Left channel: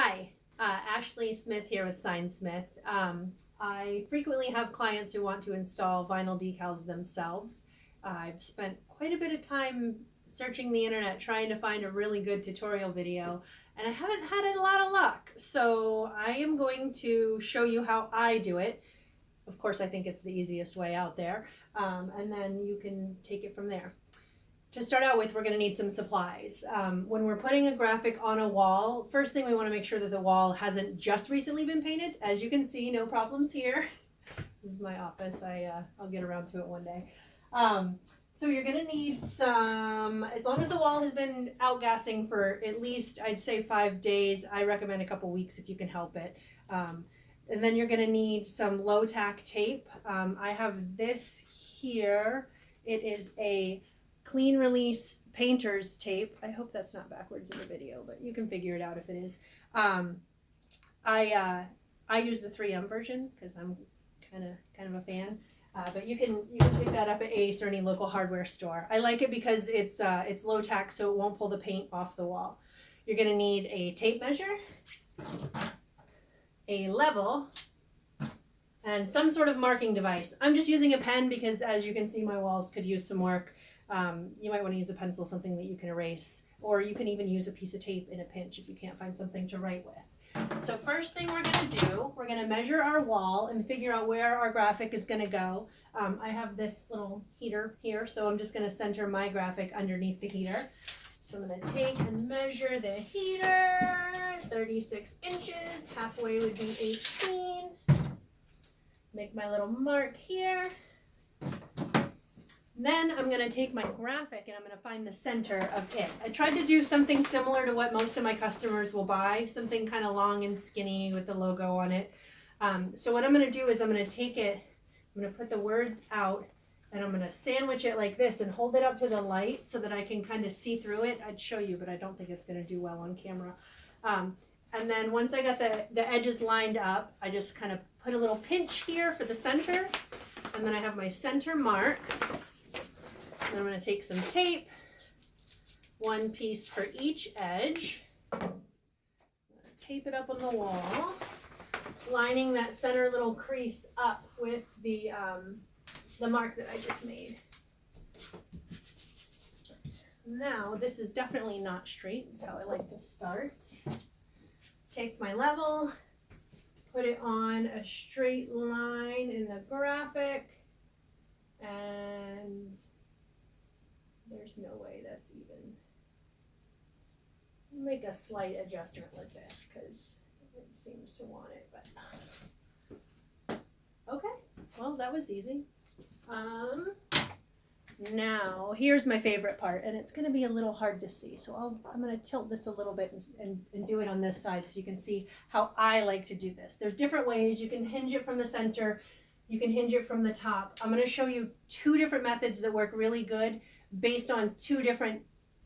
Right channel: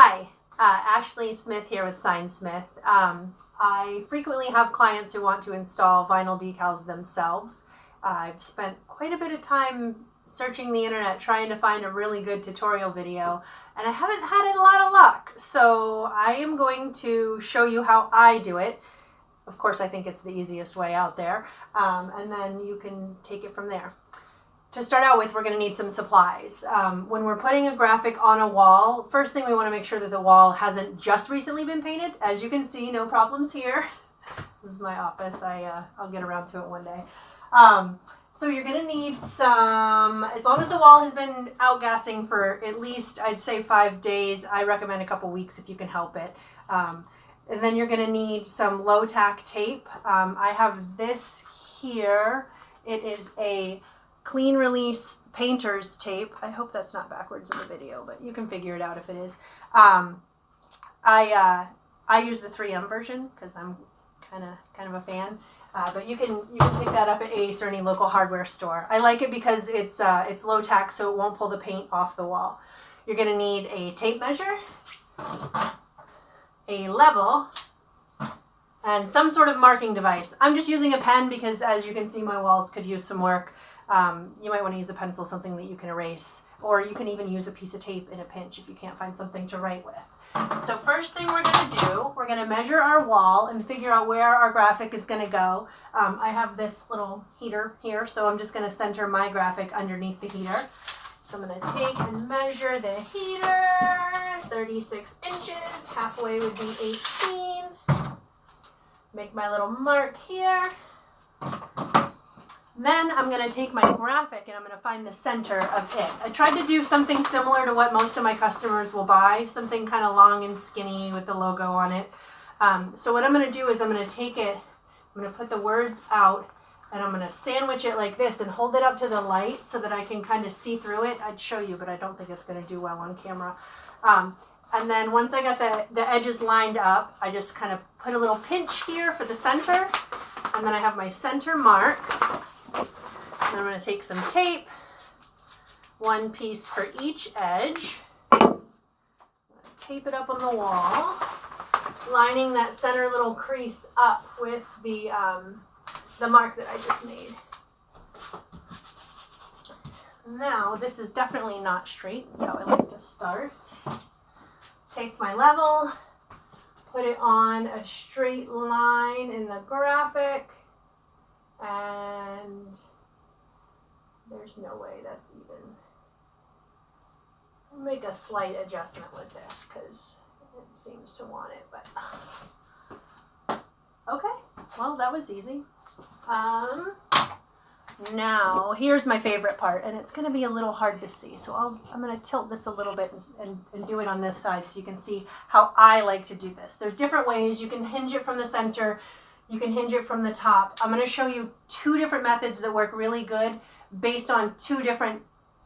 Hi, Ashley Smith here with Sign Smith. I frequently have clients who want to install vinyl decals themselves. I've spent quite a bit of time searching the internet trying to find a really good tutorial video, and I haven't had a lot of luck. So I am going to show you how I do it. Of course, I think it's the easiest way out there, and then you can take it from there. To start out with, we're going to need some supplies. When we're putting a graphic on a wall, first thing we want to make sure that the wall hasn't just recently been painted. As you can see, no problems here. This is my office. I'll get around to it one day. So you're going to need some, as long as the wall has been outgassing for at least, I'd say 5 days. I recommend a couple weeks if you can help it. And then you're going to need some low tack tape. I have this here. It is a clean release painter's tape. I hope that's not backwards in the video, but you can figure it out if it is. I use the 3M version because I'm kind of a fan. But you can pick that up at Ace or any local hardware store. I like it because it's low tack, so it won't pull the paint off the wall. You're going to need a tape measure, a level, and some sort of marking device. I'm just using a pen because, as you can see, my walls could use some work. You might want to use a pencil, something that you can erase, or you can even use a piece of tape in a pinch if you can't find something to write with. So first thing we're going to do, we're going to measure our wall and figure out where our graphic is going to go. I have this little heater here, so I'm just going to center my graphic underneath the heater. So I'm going to take and measure the heater, 36 inches, halfway would be 18. Make my little mark here. Then I'm going to take my graphic and I'm going to find the center of it. I tried to do something similar to what most of my customers will buy, something kind of long and skinny with the logo on it. So what I'm going to do is I'm going to take it, I'm going to put the words out, and I'm going to sandwich it like this and hold it up to the light so that I can kind of see through it. I'd show you, but I don't think it's going to do well on camera. And then once I got the edges lined up, I just kind of put a little pinch here for the center, and then I have my center mark. And I'm going to take some tape, one piece for each edge, tape it up on the wall, lining that center little crease up with the mark that I just made. Now, this is definitely not straight, so I like to start. Take my level, put it on a straight line in the graphic, and there's no way that's even. I'll make a slight adjustment with this because it seems to want it, but okay, well, that was easy. Now here's my favorite part, and it's going to be a little hard to see, so I'm going to tilt this a little bit and do it on this side so you can see how I like to do this. There's different ways. You can hinge it from the center, you can hinge it from the top. I'm going to show you 2 different methods that work really good based on 2 different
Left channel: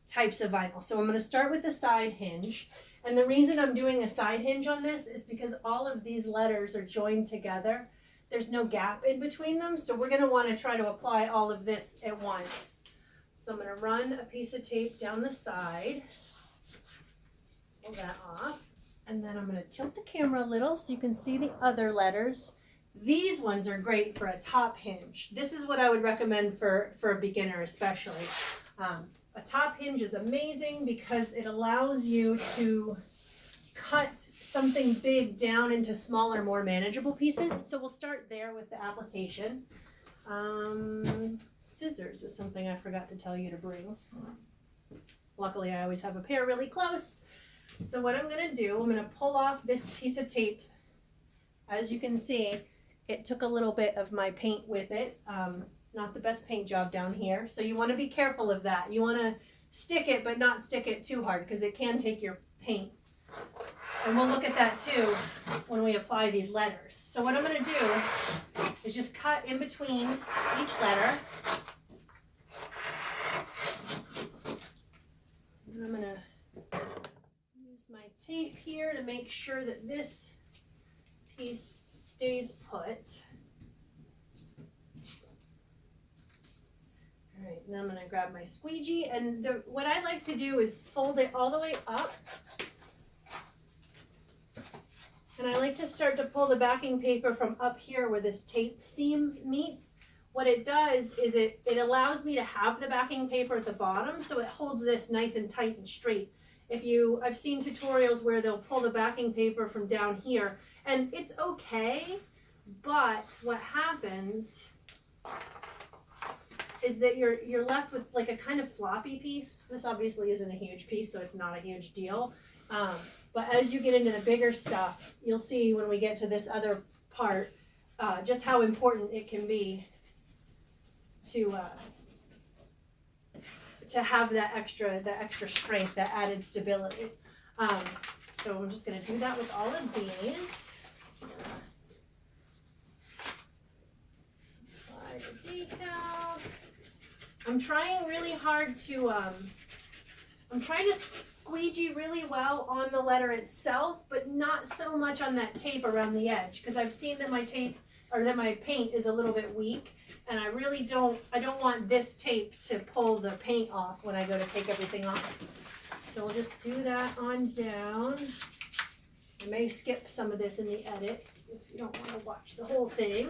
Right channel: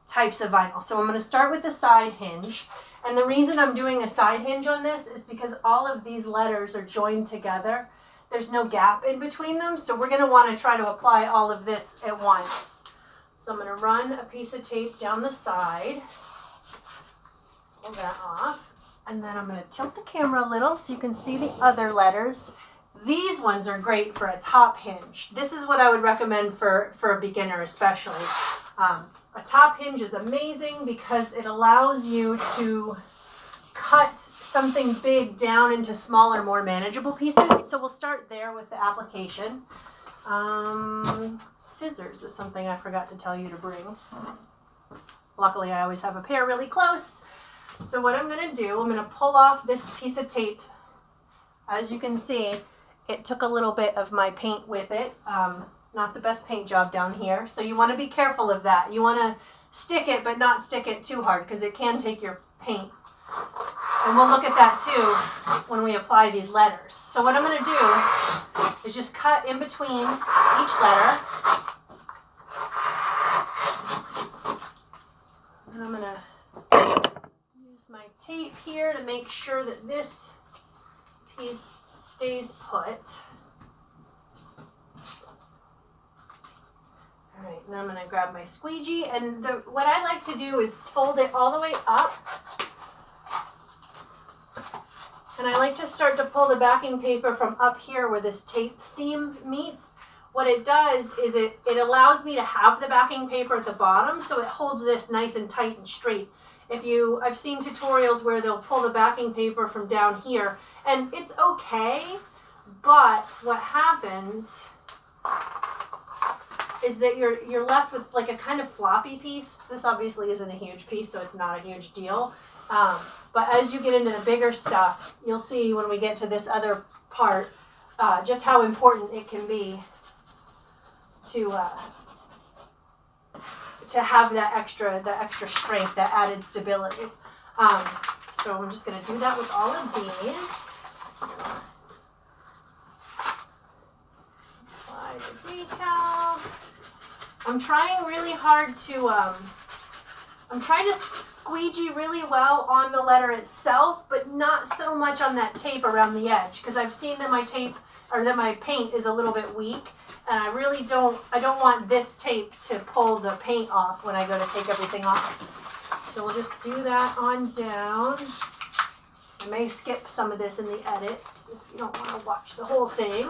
types of vinyl. So I'm going to start with the side hinge, and the reason I'm doing a side hinge on this is because all of these letters are joined together. There's no gap in between them, so we're going to want to try to apply all of this at once. So I'm going to run a piece of tape down the side, pull that off, and then I'm going to tilt the camera a little so you can see the other letters. These ones are great for a top hinge. This is what I would recommend for a beginner especially. A top hinge is amazing because it allows you to cut something big down into smaller, more manageable pieces. So we'll start there with the application. Scissors is something I forgot to tell you to bring. Luckily, I always have a pair really close. So what I'm going to do, I'm going to pull off this piece of tape. As you can see, it took a little bit of my paint with it. Not the best paint job down here. So you want to be careful of that. You want to stick it, but not stick it too hard because it can take your paint. And we'll look at that too when we apply these letters. So what I'm going to do is just cut in between each letter. And I'm going to use my tape here to make sure that this piece stays put. All right, and then I'm going to grab my squeegee, and what I like to do is fold it all the way up And I like to start to pull the backing paper from up here where this tape seam meets. What it does is it allows me to have the backing paper at the bottom, so it holds this nice and tight and straight. I've seen tutorials where they'll pull the backing paper from down here, and it's okay, but what happens is that you're left with like a kind of floppy piece. This obviously isn't a huge piece, so it's not a huge deal. But as you get into the bigger stuff, you'll see when we get to this other part just how important it can be to have that extra strength, that added stability. So I'm just going to do that with all of these. Apply the decal. I'm trying really hard to I'm trying to squeegee really well on the letter itself, but not so much on that tape around the edge, because I've seen that my paint is a little bit weak, and I don't want this tape to pull the paint off when I go to take everything off. So we'll just do that on down. I may skip some of this in the edits if you don't want to watch the whole thing.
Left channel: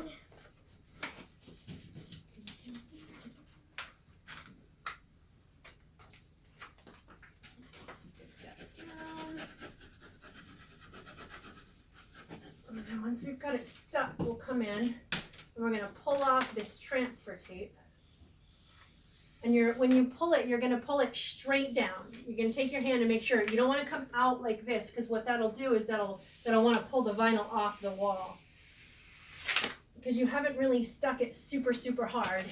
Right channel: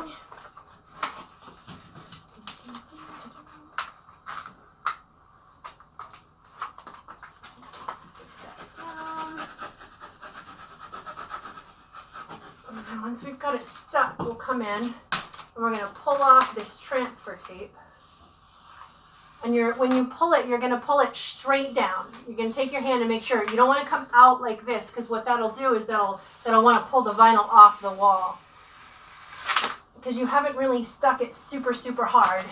Once we've got it stuck, we'll come in and we're going to pull off this transfer tape. And when you pull it, you're going to pull it straight down. You're going to take your hand and make sure. You don't want to come out like this, because what that'll do is that'll want to pull the vinyl off the wall. Because you haven't really stuck it super, super hard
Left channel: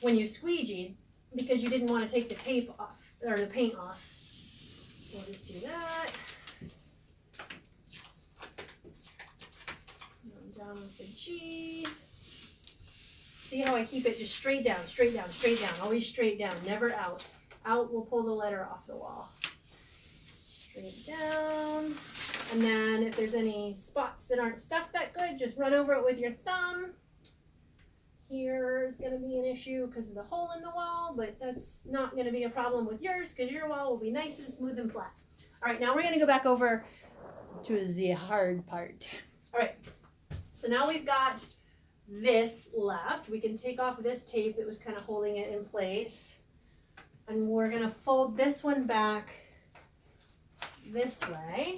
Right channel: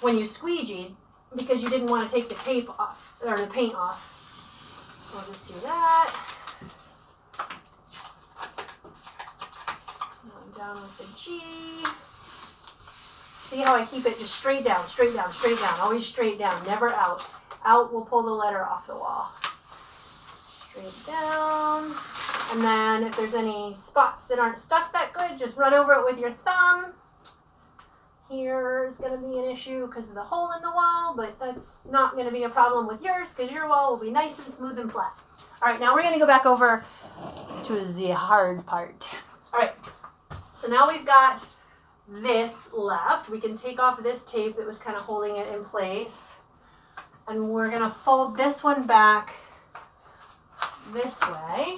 when you squeegeed, because you didn't want to take the tape off, or the paint off. We'll just do that. Down with the G. See how I keep it just straight down, straight down, straight down. Always straight down, never out. Out will pull the letter off the wall. Straight down. And then if there's any spots that aren't stuck that good, just run over it with your thumb. Here is going to be an issue because of the hole in the wall, but that's not going to be a problem with yours because your wall will be nice and smooth and flat. All right, now we're going to go back over to the hard part. All right. So now we've got this left. We can take off this tape that was kind of holding it in place. And we're going to fold this one back this way.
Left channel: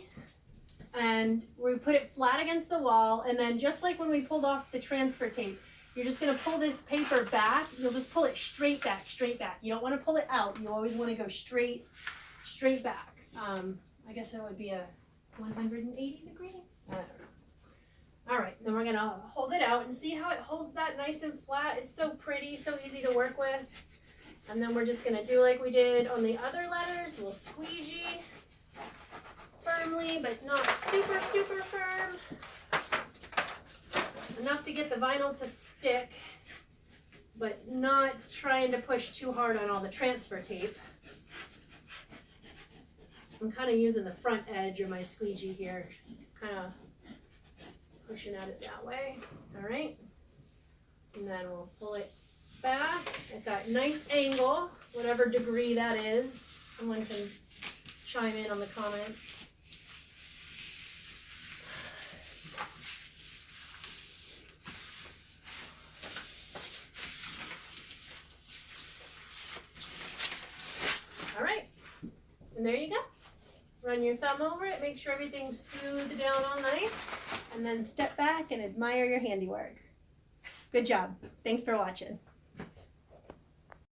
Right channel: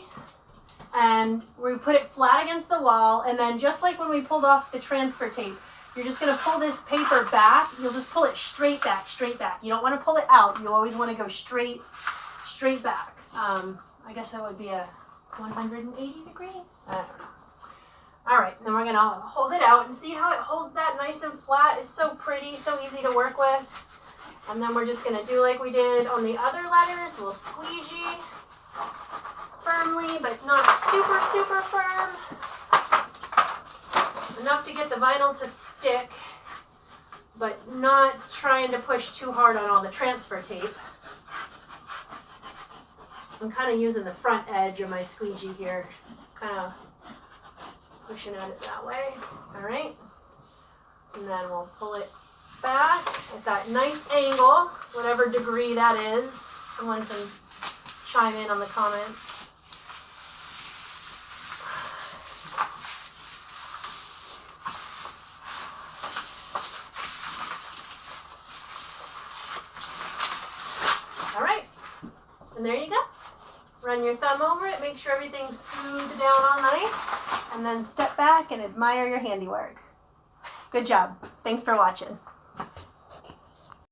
And we put it flat against the wall. And then just like when we pulled off the transfer tape, you're just going to pull this paper back. You'll just pull it straight back, straight back. You don't want to pull it out. You always want to go straight back. I guess that would be a 180 degree? I don't know. All right, then we're going to hold it out and see how it holds that nice and flat. It's so pretty, so easy to work with. And then we're just going to do like we did on the other letters. We'll squeegee firmly, but not super, super firm. Enough to get the vinyl to stick, but not trying to push too hard on all the transfer tape. I'm kind of using the front edge of my squeegee here, kind of pushing at it that way. All right, and then we'll pull it back at that nice angle, whatever degree that is. Someone can chime in on the comments. All right, and there you go. Run your thumb over it, make sure everything's smoothed down all nice, and then step back and admire your handiwork. Good job. Thanks for watching.